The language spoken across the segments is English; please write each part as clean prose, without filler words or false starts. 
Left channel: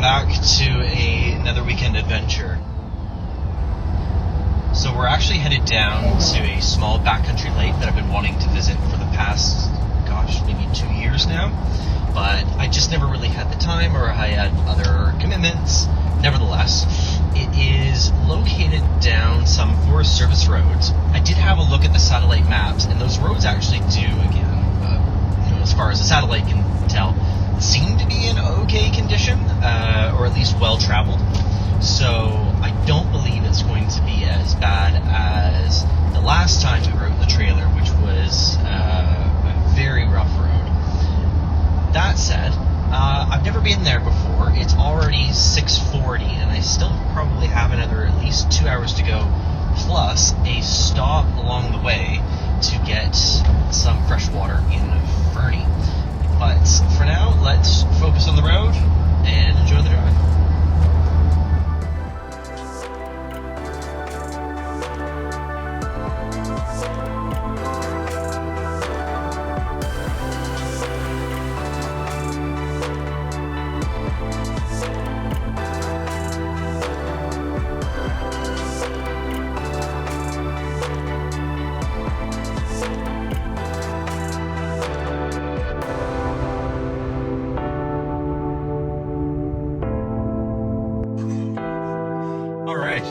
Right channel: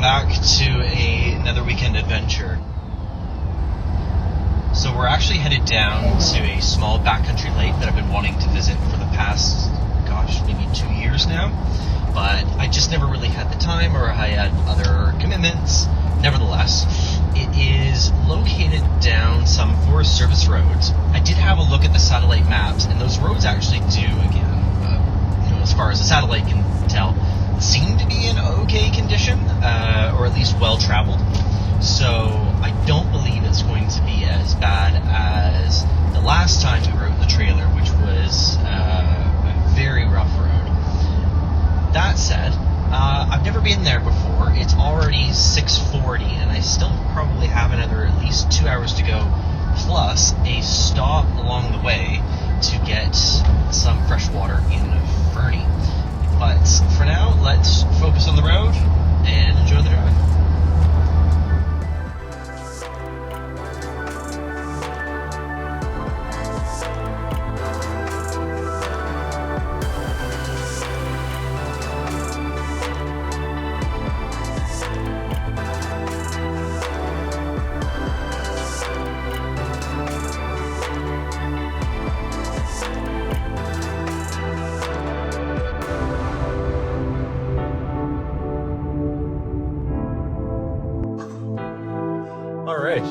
welcome back to another weekend adventure. So we're actually headed down to a small backcountry lake that I've been wanting to visit for the past, maybe 2 years now, but I just never really had the time, or I had other commitments. Nevertheless, it is located down some Forest Service roads. I did have a look at the satellite maps, and those roads actually do, as far as the satellite can tell, seem to be in okay condition, or at least well-traveled. So I don't believe it's going to be as bad as the last time we rode the trailer, which was a very rough road. That said, I've never been there before. It's already 6:40, and I still probably have another at least 2 hours to go, plus a stop along the way to get some fresh water in Fernie. But for now, let's focus on the road and enjoy the drive.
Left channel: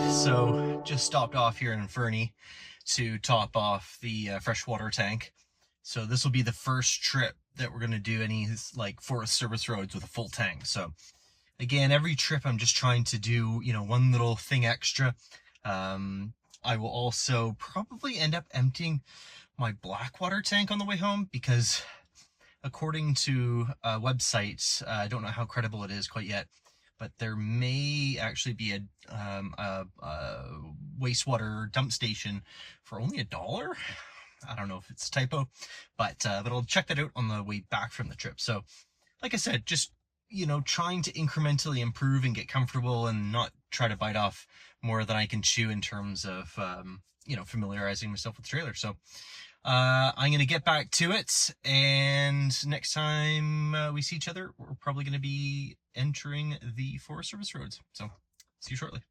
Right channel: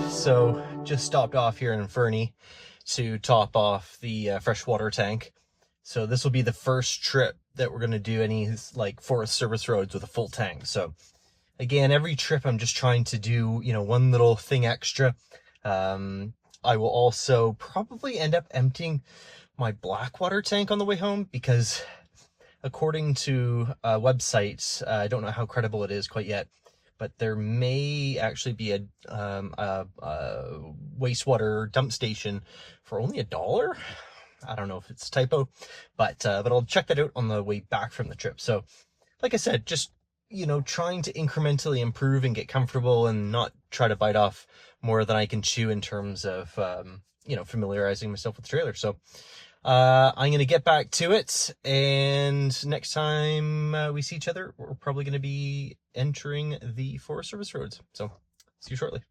So just stopped off here in Fernie to top off the freshwater tank. So this will be the first trip that we're going to do any Forest Service roads with a full tank. So again, every trip I'm just trying to do, one little thing extra. I will also probably end up emptying my Blackwater tank on the way home, because according to websites, I don't know how credible it is quite yet, but there may actually be a wastewater dump station for only $1. I don't know if it's a typo, but I'll check that out on the way back from the trip. So, like I said, just, trying to incrementally improve and get comfortable and not try to bite off more than I can chew in terms of, familiarizing myself with the trailer. So, I'm going to get back to it, and next time we see each other, we're probably going to be entering the Forest Service roads. So, see you shortly.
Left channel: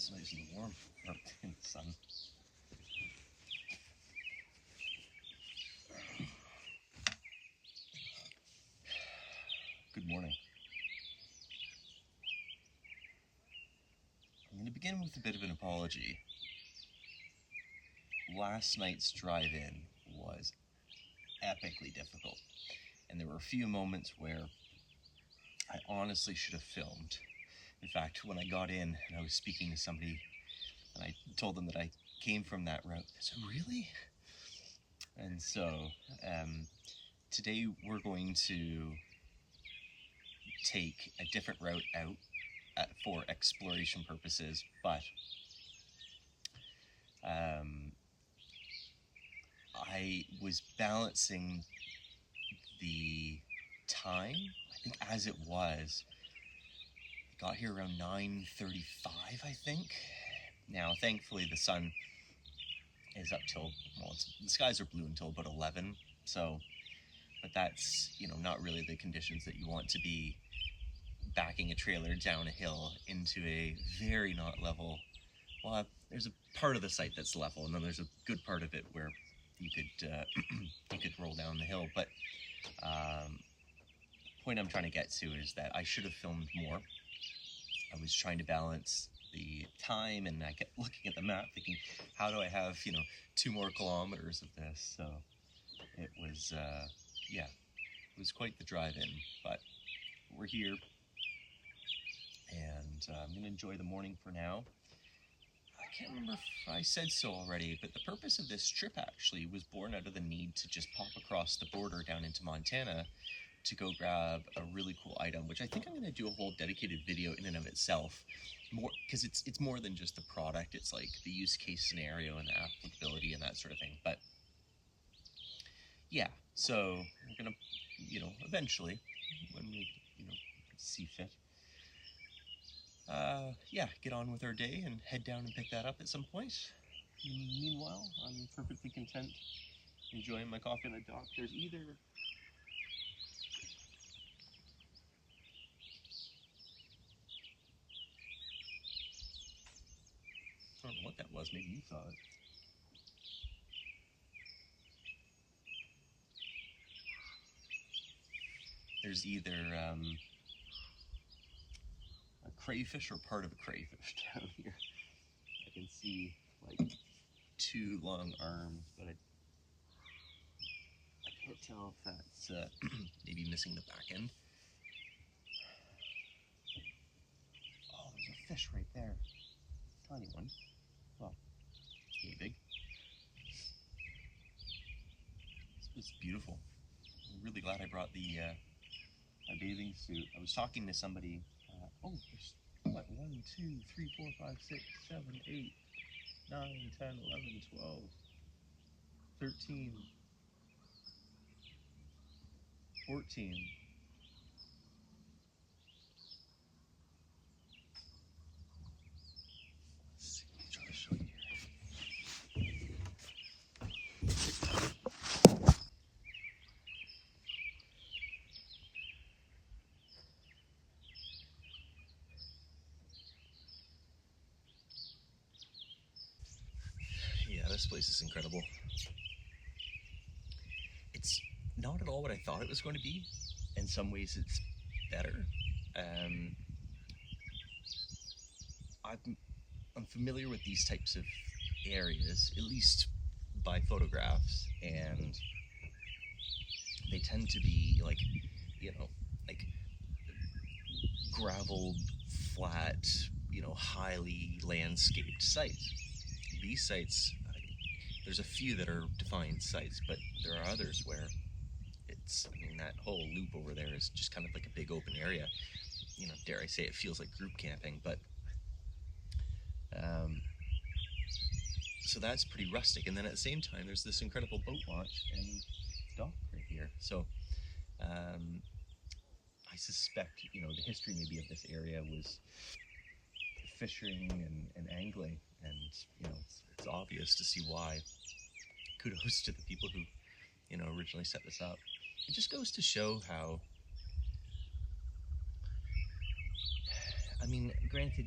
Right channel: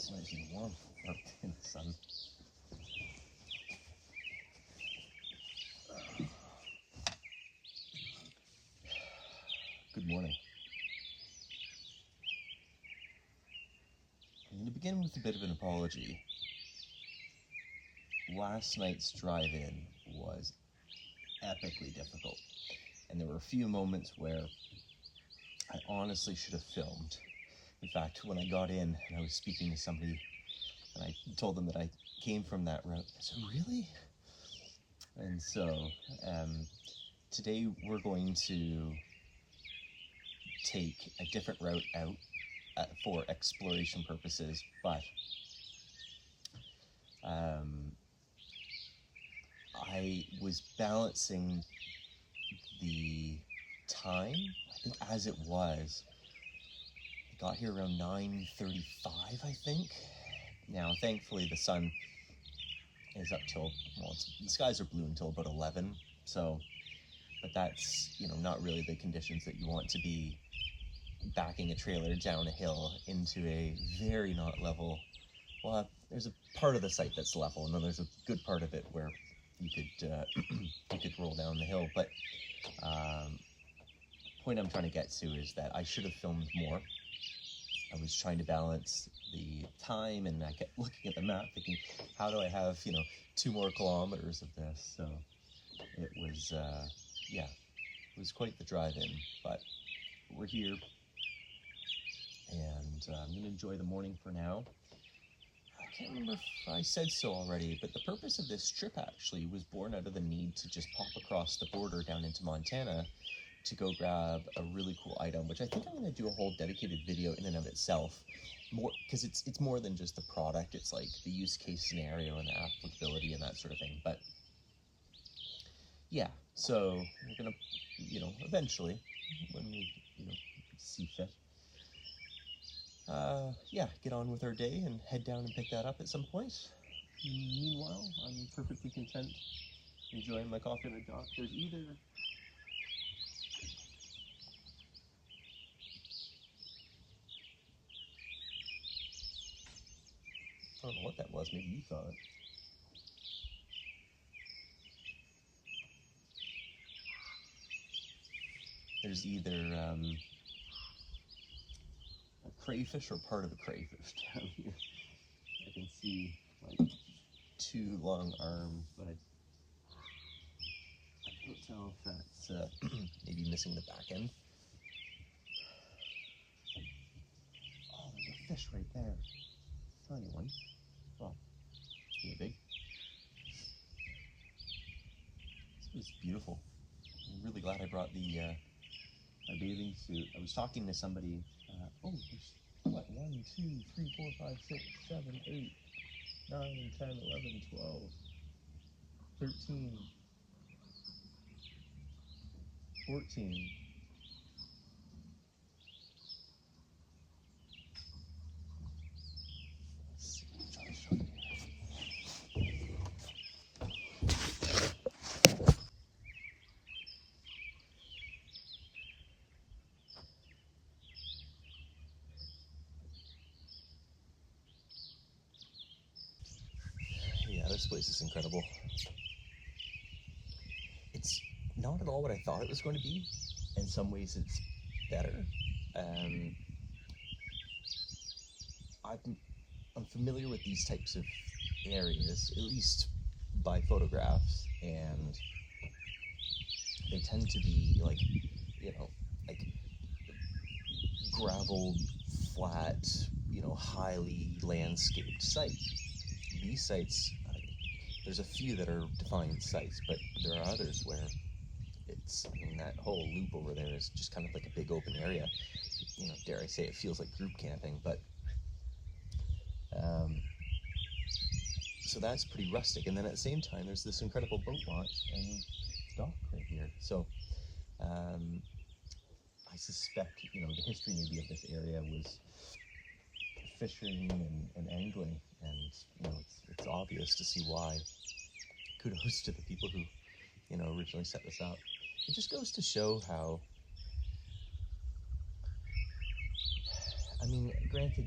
It's nice and warm out in the sun. Good morning. I'm going to begin with a bit of an apology. Last night's drive-in was epically difficult, and there were a few moments where I honestly should have filmed. In fact, when I got in and I was speaking to somebody and I told them that I came from that route, I said, really? And so today we're going to take a different route out for exploration purposes, but I was balancing the time. I think as it was, I got here around 9:35, I think. Now, thankfully, the sun is up till, well, the skies are blue until about 11, so, but that's, not really the conditions that you want to be backing a trailer down a hill into a very not level, well, there's a part of the site that's level, and then there's a good part of it where you could roll down the hill. But point I'm trying to get to is that I should have filmed more. I was trying to balance the time, and I kept looking at the map thinking, how do I have 2 more kilometers of this? So it was it was quite the drive-in, but we're here, and I'm gonna enjoy the morning for now. I can't remember if I said so already, but the purpose of this trip actually was born out of the need to just pop across the border down into Montana to go grab a really cool item, which I think I'm going to do a whole dedicated video in and of itself, more because it's more than just the product. It's like the use case scenario and the applicability and that sort of thing. But yeah, so we're gonna, eventually, when we, see fit, get on with our day and head down and pick that up at some point. Meanwhile, I'm perfectly content enjoying my coffee on a dock. There's either I don't know what that was. Maybe you saw it. There's either a crayfish or part of a crayfish down here. I can see like 2 long arms, but I can't tell if that's maybe missing the back end. Oh, there's a fish right there. Tiny one. Well, pretty big. This was beautiful. I'm really glad I brought the my bathing suit. I was talking to somebody. There's what? 1, 2, 3, 4, 5, 6, 7, 8, 9, 10, 11, 12, 13, 14. Let's see, let me try to show you here. Yeah, this place is incredible. It's not at all what I thought it was going to be. In some ways, it's better. I'm familiar with these types of areas, at least by photographs, and they tend to be like gravel, flat, highly landscaped sites. These sites, there's a few that are defined sites, but there are others where that whole loop over there is just kind of like a big open area. Dare I say, it feels like group camping, but so that's pretty rustic. And then at the same time, there's this incredible boat launch and dock right here. So I suspect, the history maybe of this area was fishing and angling, and it's obvious to see why. Kudos to the people who originally set this up. It just goes to show how, granted,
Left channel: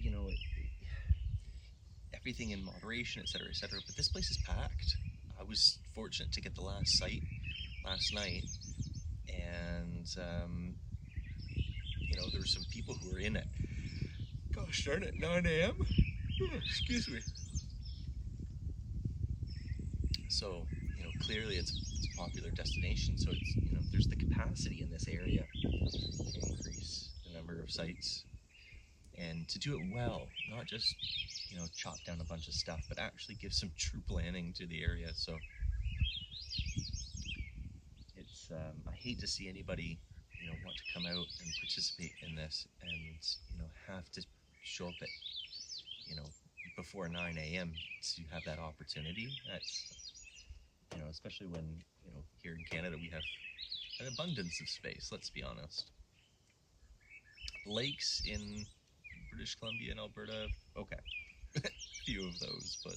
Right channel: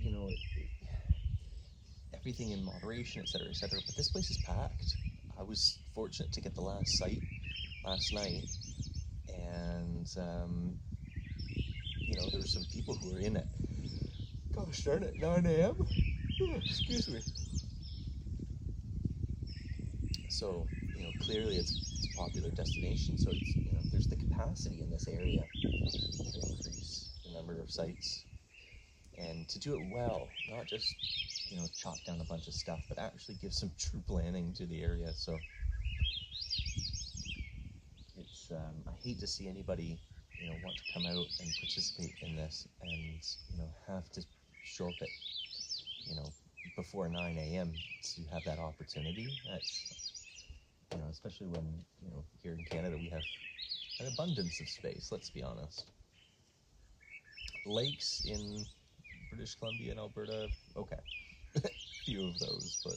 everything in moderation, etc., etc. But this place is packed. I was fortunate to get the last site last night, and you know, there were some people who were in it. Gosh darn it, 9 a.m. Oh, excuse me. So, you know, clearly it's a popular destination. So it's, you know, there's the capacity in this area to increase the number of sites and to do it well, not just, you know, chop down a bunch of stuff, but actually give some true planning to the area. So it's, I hate to see anybody, you know, want to come out and participate in this and, you know, have to show up at, you know, before 9 a.m. to have that opportunity. That's, you know, especially when, you know, here in Canada we have an abundance of space, let's be honest. Lakes in British Columbia and Alberta, okay. Few of those, but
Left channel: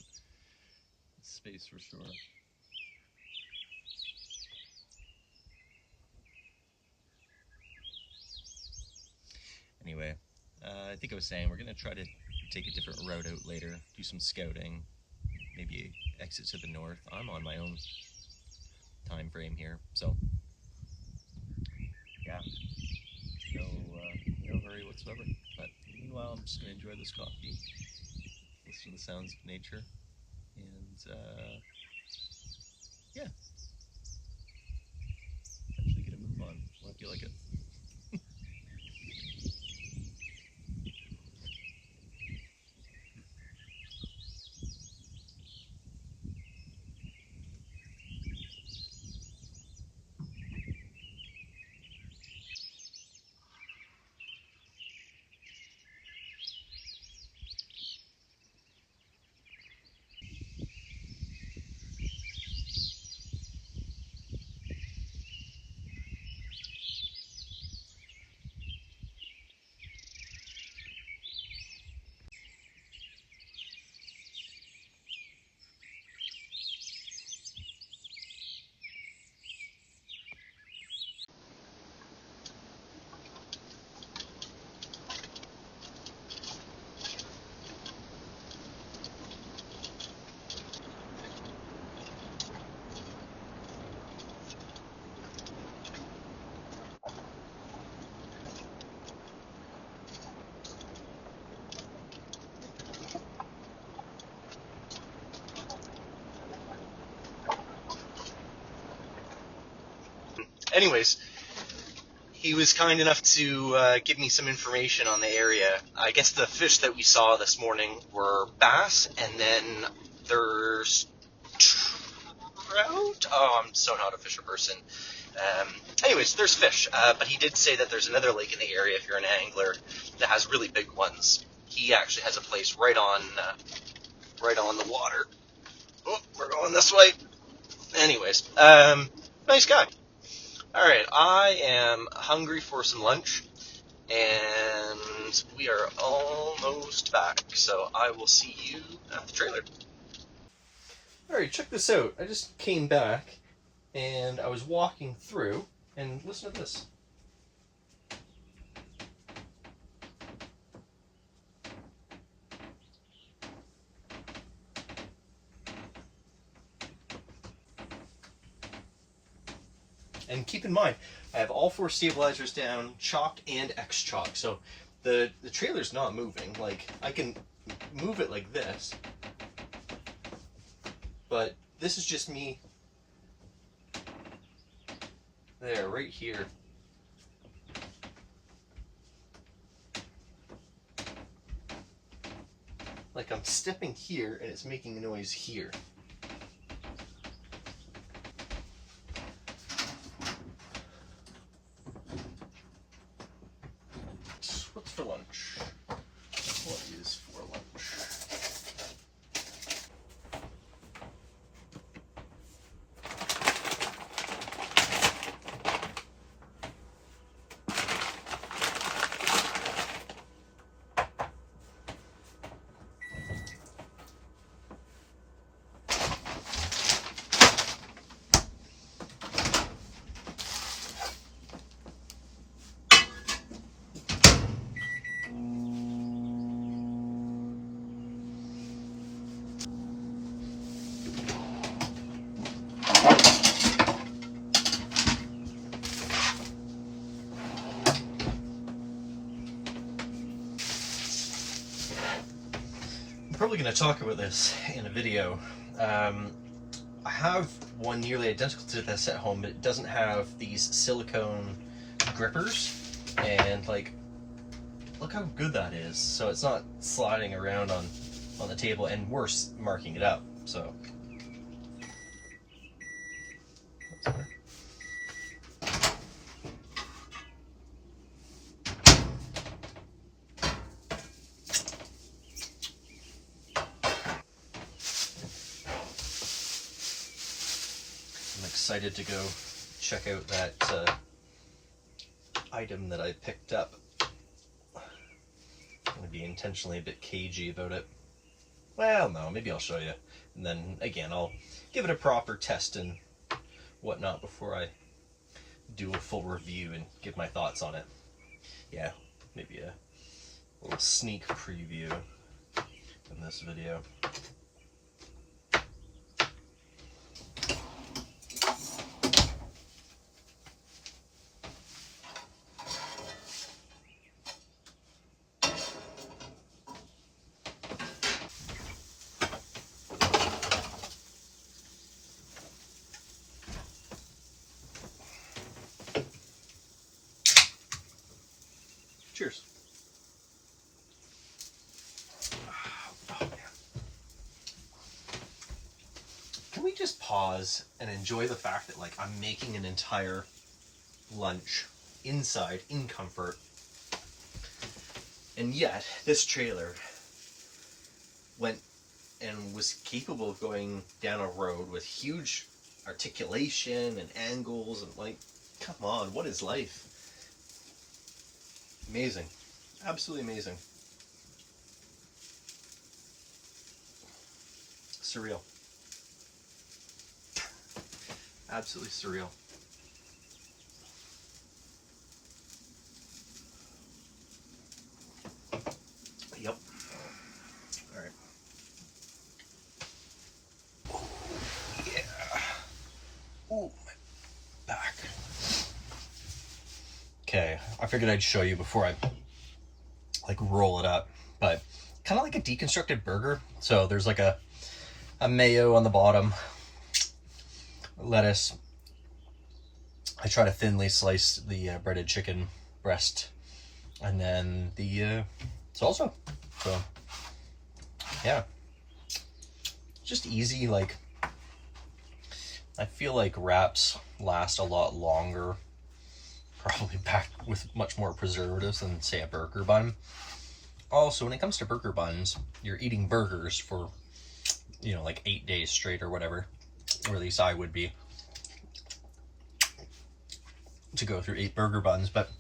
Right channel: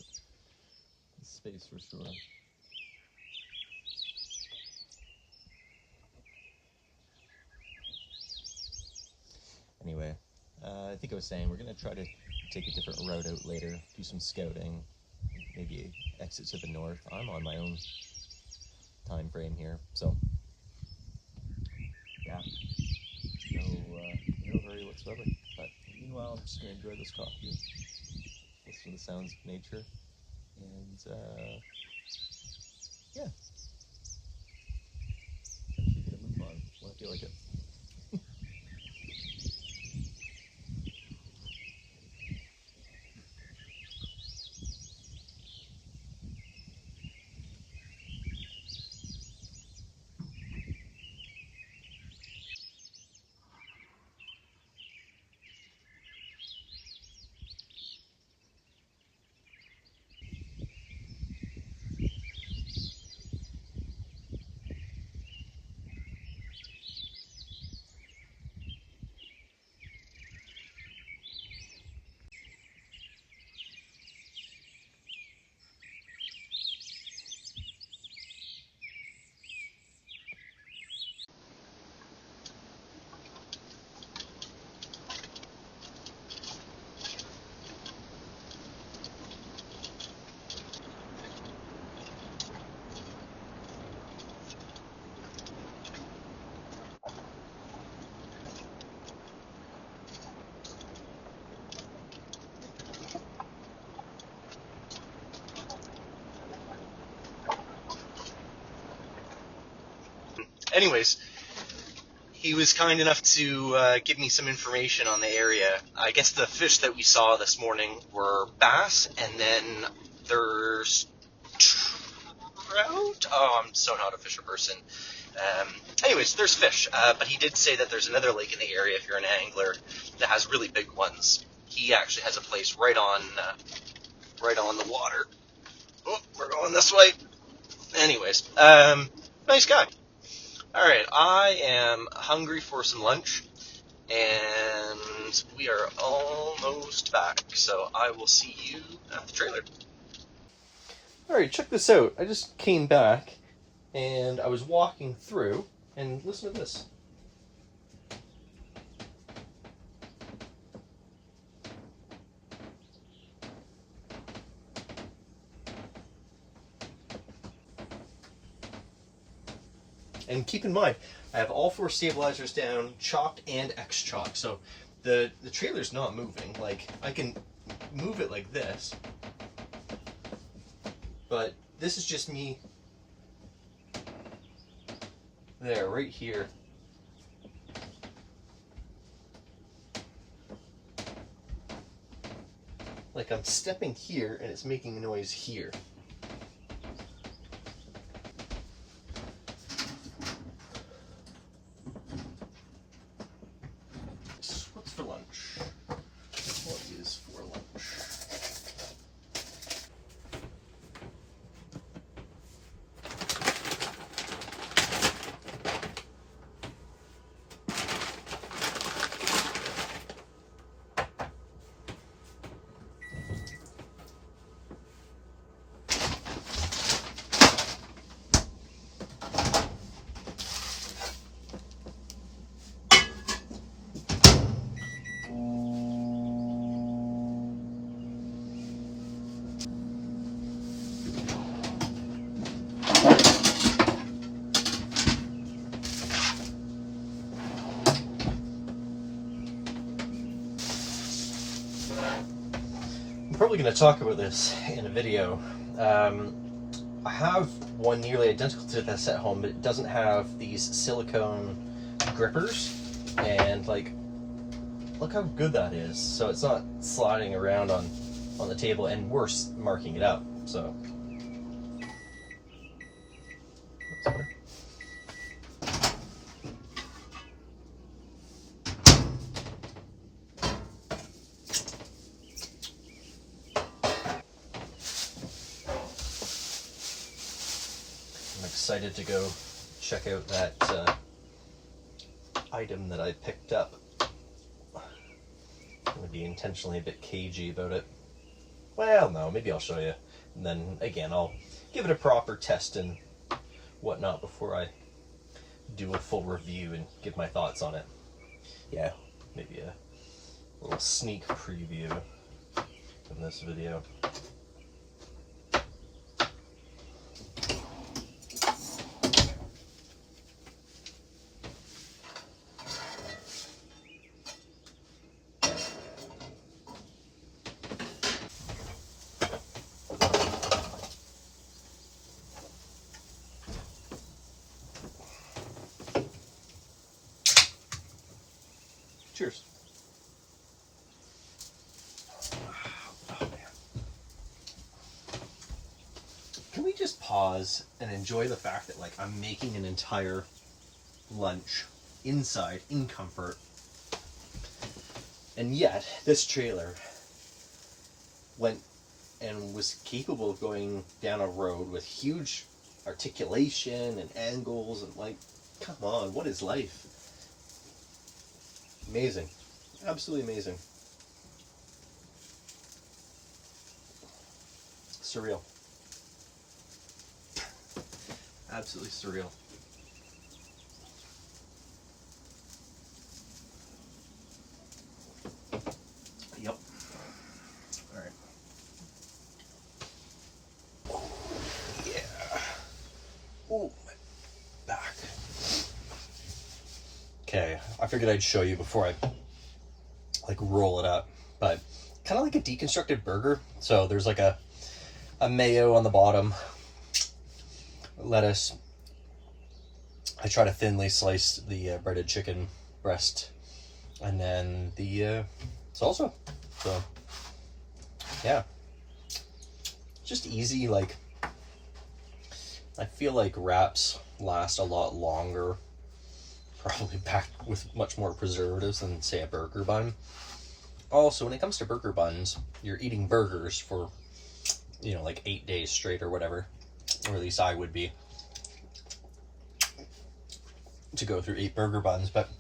space for sure. Anyway, I think I was saying we're going to try to take a different route out later, do some scouting, maybe exit to the north. I'm on my own time frame here, so yeah, no hurry whatsoever. But meanwhile, I'm just going to enjoy this coffee, listen to the sounds of nature, and yeah, eventually get a move on when I feel like it. Anyways, he was kind enough to give me some information on the area. I guess the fish that we saw this morning were bass, and then there's trout. Oh, I'm so not a fisher person. Anyways, there's fish, but he did say that there's another lake in the area if you're an angler that has really big ones. He actually has a place right on the water. Oh, we're going this way. Anyways, nice guy. All right, I am hungry for some lunch, and we are almost back, so I will see you at the trailer. All right, check this out. I just came back, and I was walking through, and listen to this. And keep in mind, I have all 4 stabilizers down, chalk and X-chalk. So the trailer's not moving. Like, I can move it like this, but this is just me there, right here. Like, I'm stepping here and it's making a noise here. What's for lunch? What is for lunch? probably going to talk about this in a video. I have one nearly identical to this at home, but it doesn't have these silicone grippers, and like, look how good that is. So it's not sliding around on the table, and worse, marking it up. So excited to go check out that item that I picked up. I'm going to be intentionally a bit cagey about it. Well, no, maybe I'll show you. And then, again, I'll give it a proper test and whatnot before I do a full review and give my thoughts on it. Yeah, maybe a little sneak preview in this video. Cheers. Oh, man. Can we just pause and enjoy the fact that, like, I'm making an entire lunch inside in comfort, and yet this trailer went and was capable of going down a road with huge articulation and angles, and like, come on, what is life? Amazing. Absolutely amazing. Surreal. Absolutely surreal. Yep. All right. Oh, yeah. Oh, my back. Okay, I figured I'd show you before I like roll it up, but kind of like a deconstructed burger. So there's like a mayo on the bottom, lettuce. I try to thinly slice the breaded chicken breast, and then the salsa. So yeah, just easy. Like, I feel like wraps last a lot longer, probably packed with much more preservatives than, say, a burger bun. Also, when it comes to burger buns, you're eating burgers for, you know, like 8 days straight or whatever, or at least I would be, to go through 8 burger buns. But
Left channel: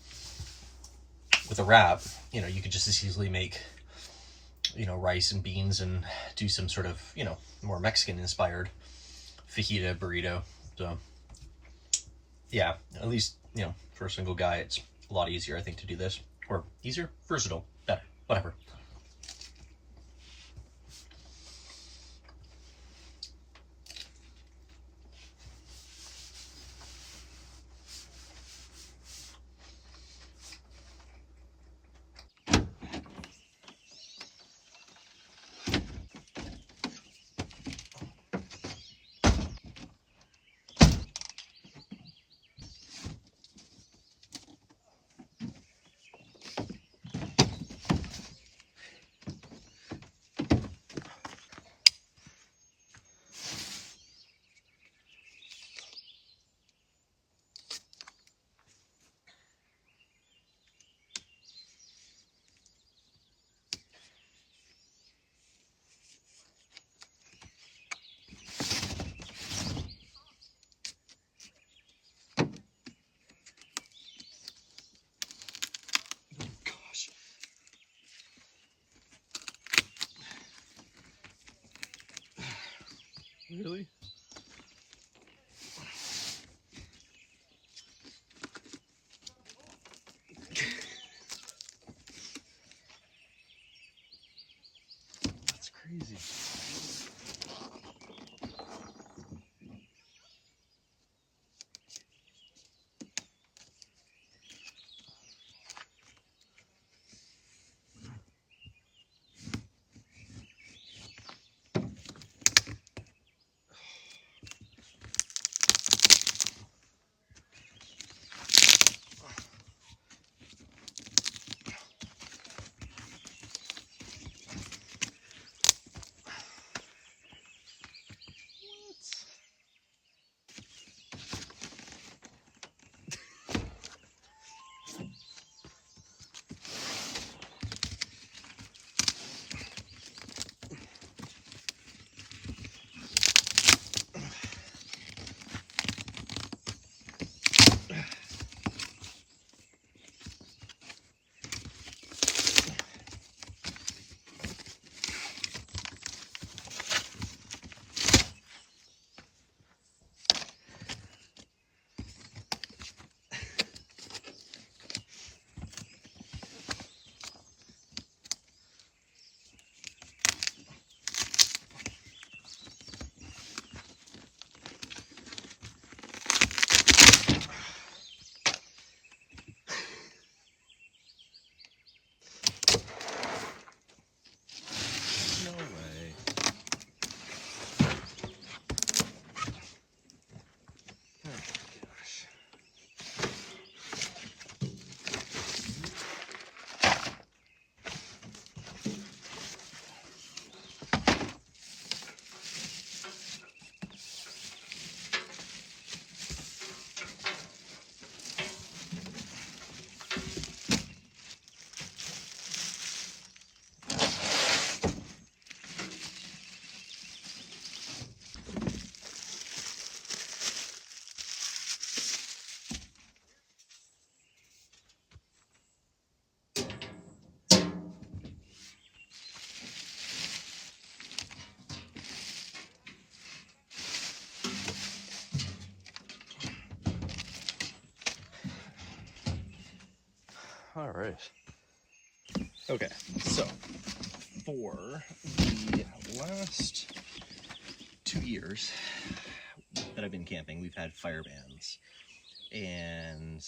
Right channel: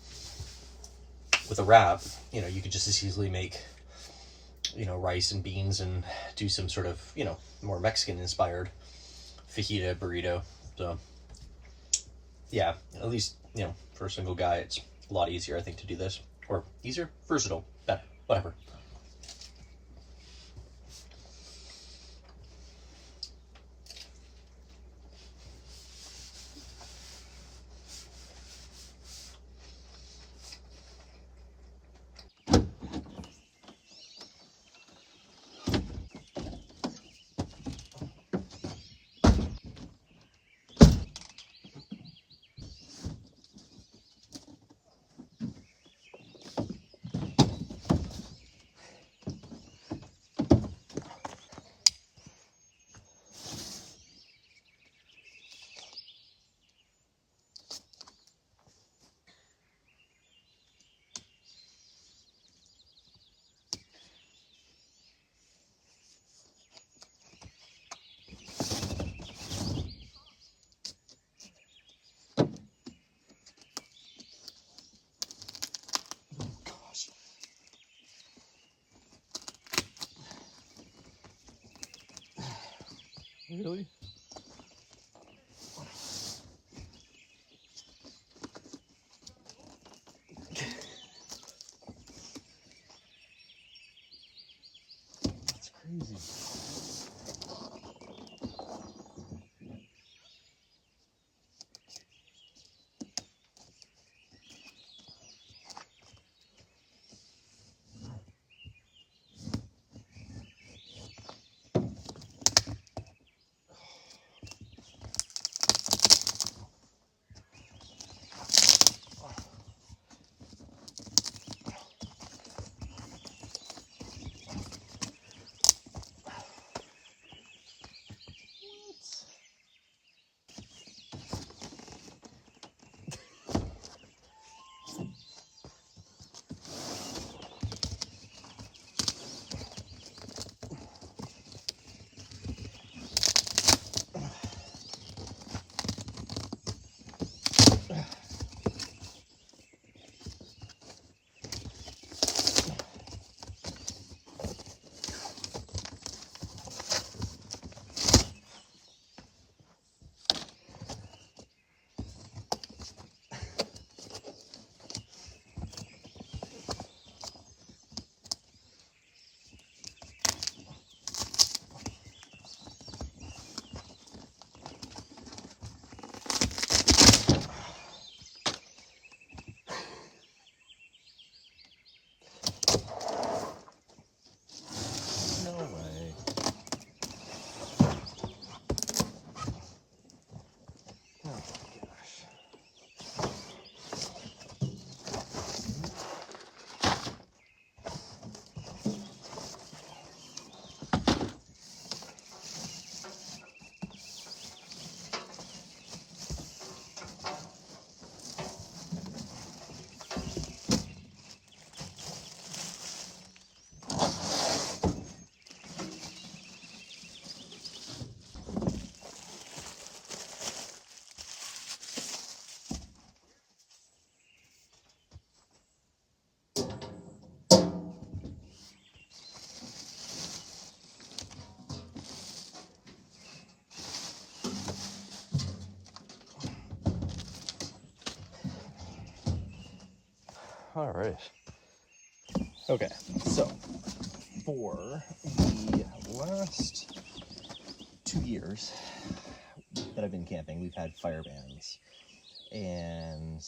with a wrap, you know, you could just as easily make, you know, rice and beans and do some sort of, you know, more Mexican inspired fajita burrito. So yeah, at least, you know, for a single guy, it's a lot easier, I think, to do this. Or easier, versatile, better, whatever. Really? That's crazy. right. Okay, so for the last 2 years that I've been camping, we've had fire bans. And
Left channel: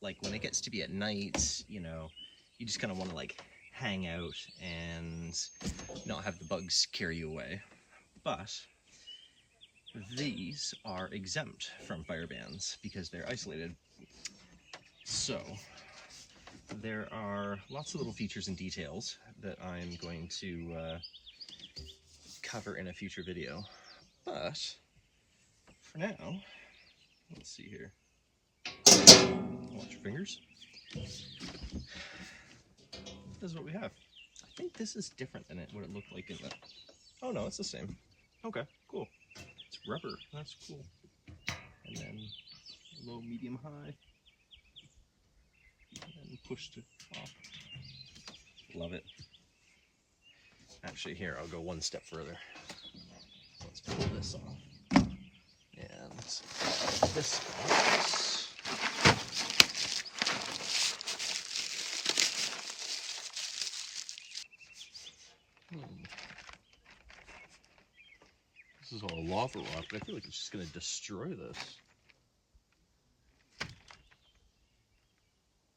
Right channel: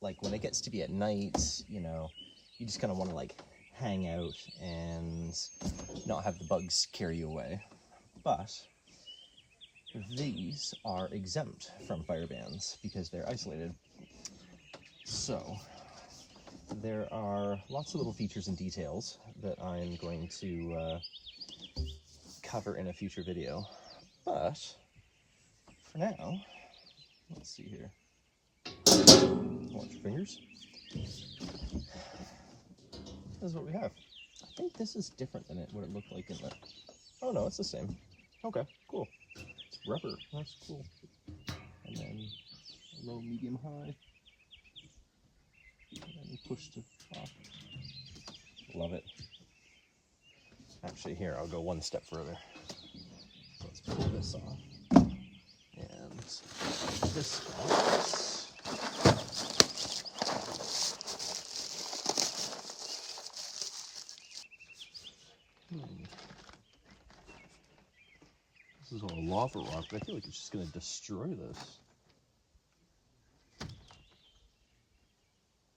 like when it gets to be at night, you know, you just kind of want to like hang out and not have the bugs carry you away. But these are exempt from fire bans because they're isolated. So there are lots of little features and details that I'm going to cover in a future video. But for now, let's see here. Watch your fingers. This is what we have. I think this is different than what it looked like in the... Oh no, it's the same. Okay, cool. It's rubber. That's cool. And then low, medium, high. And then push to off. Love it. Actually, here, I'll go one step further. Let's pull this off. And this off. This is all lava rock, but I feel like it's just going to destroy this.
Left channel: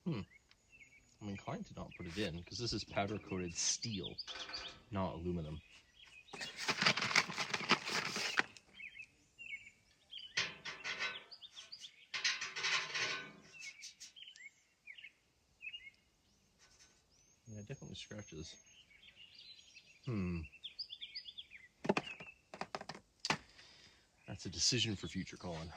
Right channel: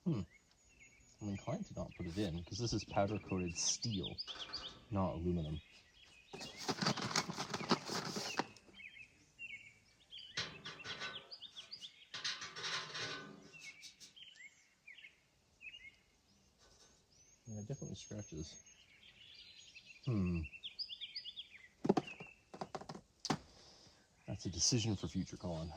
I'm inclined to not put it in, because this is powder-coated steel, not aluminum. Yeah, it definitely scratches. That's a decision for future Colin.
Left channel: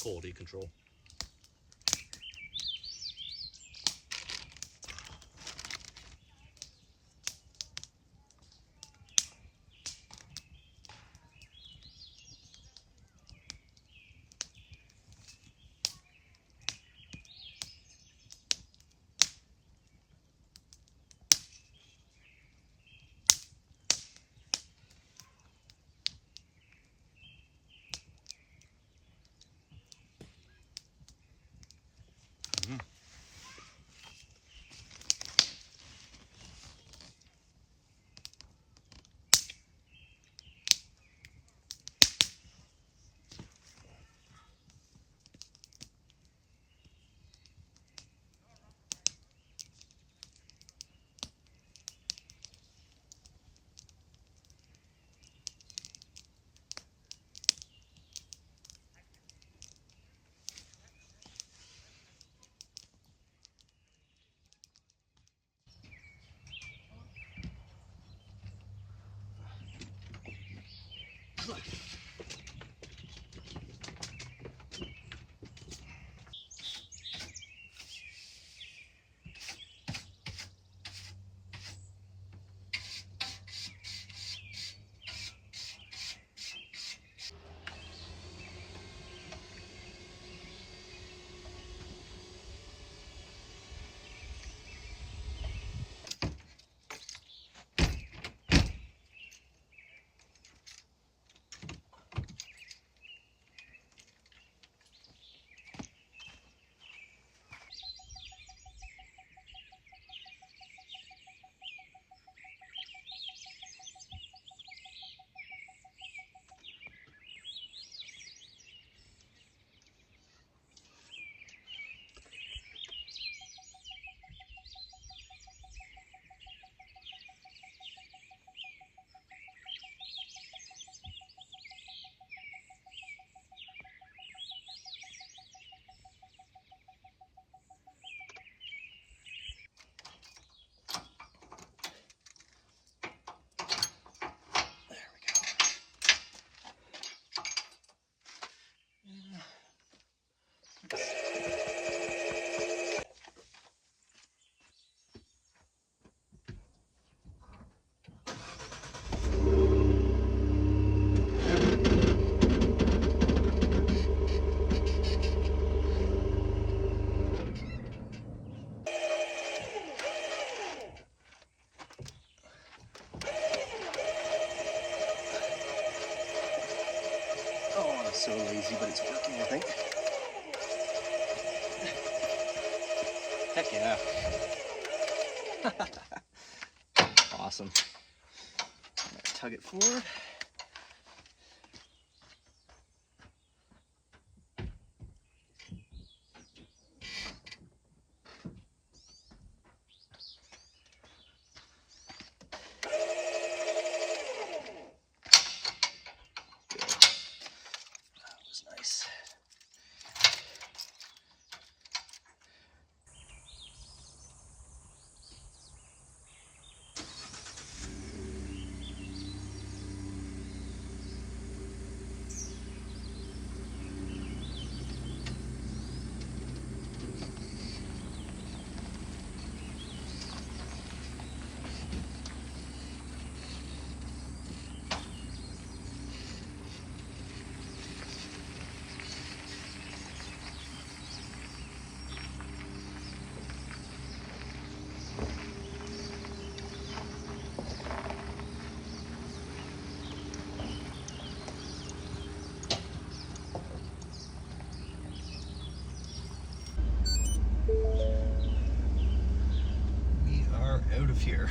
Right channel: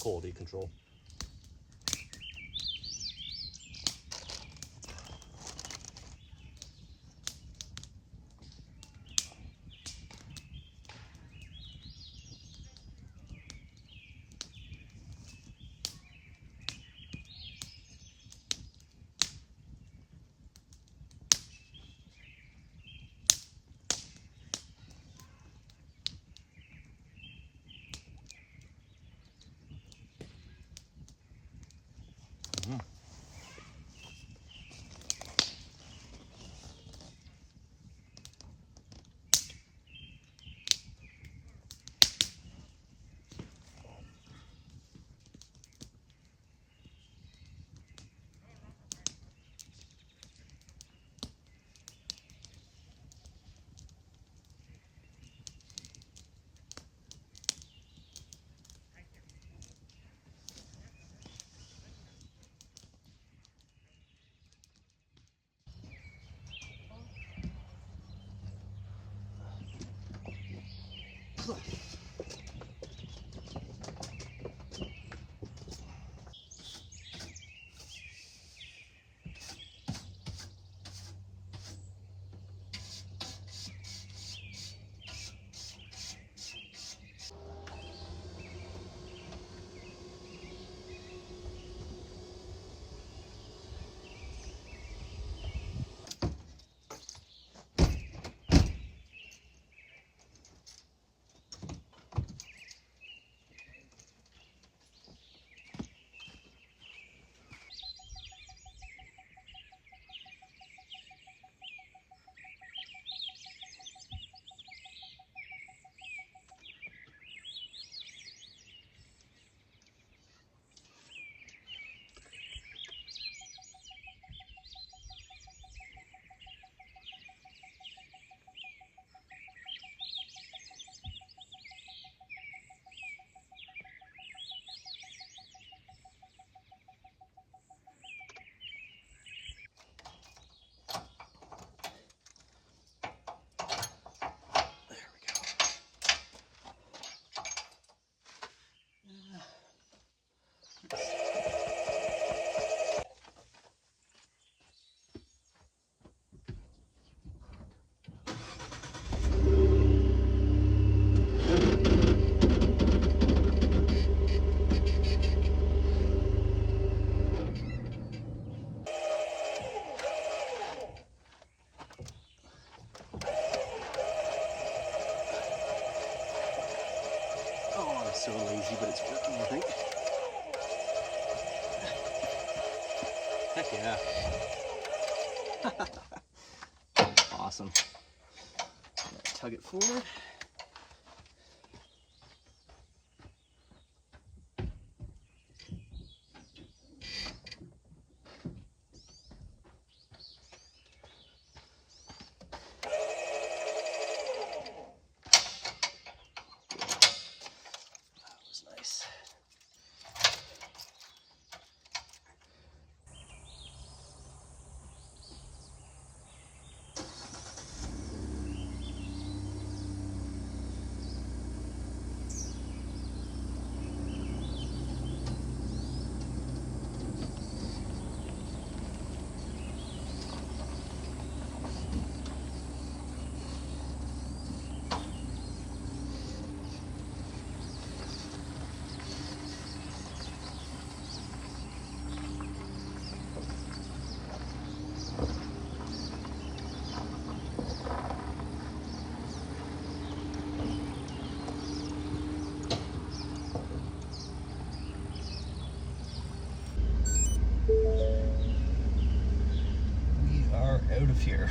Quality control. crazy, but it's working, I think. Heck yeah. Awesome. I'm gonna tug it forward. Good. That was nice. We are out of here.